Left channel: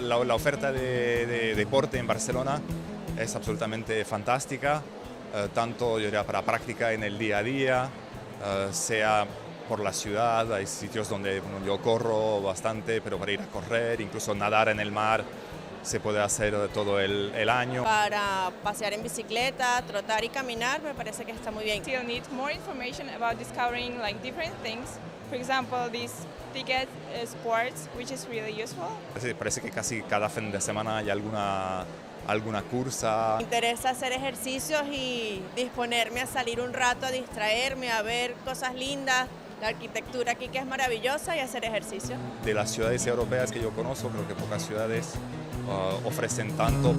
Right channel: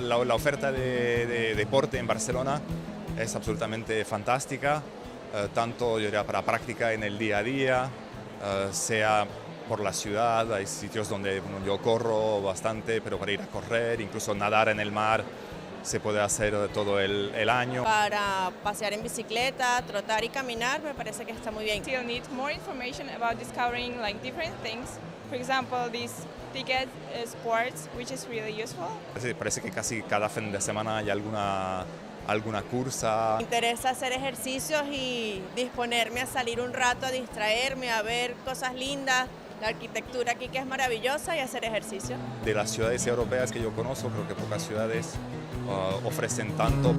la oferta de deporte en Barcelona es absolutamente fantástica, tanto yo diría, para práctica en el día a día, sea por la ciudad, hay sitios donde bueno, yo corro bastante, pero para ir a correr, incluso nadar en el mar, se puede hacer todo el año. Para pasear en bicicleta, trotar y caminar, me parece que está muy bien. Still need more information about discovering like different things. For example, this ticket sports, which is really useful. Sí, parece que casi cada fin de semana hay alguna cursa. Me interesa hacer ejercicios y disponerme a salir un rato, a distraerme, a ver cosas lindas, la arquitectura aquí que es maravillosa y hacer ejercicio. De las ciudades europeas que yo conozco, creo que pocas ciudades ofrecen tanto.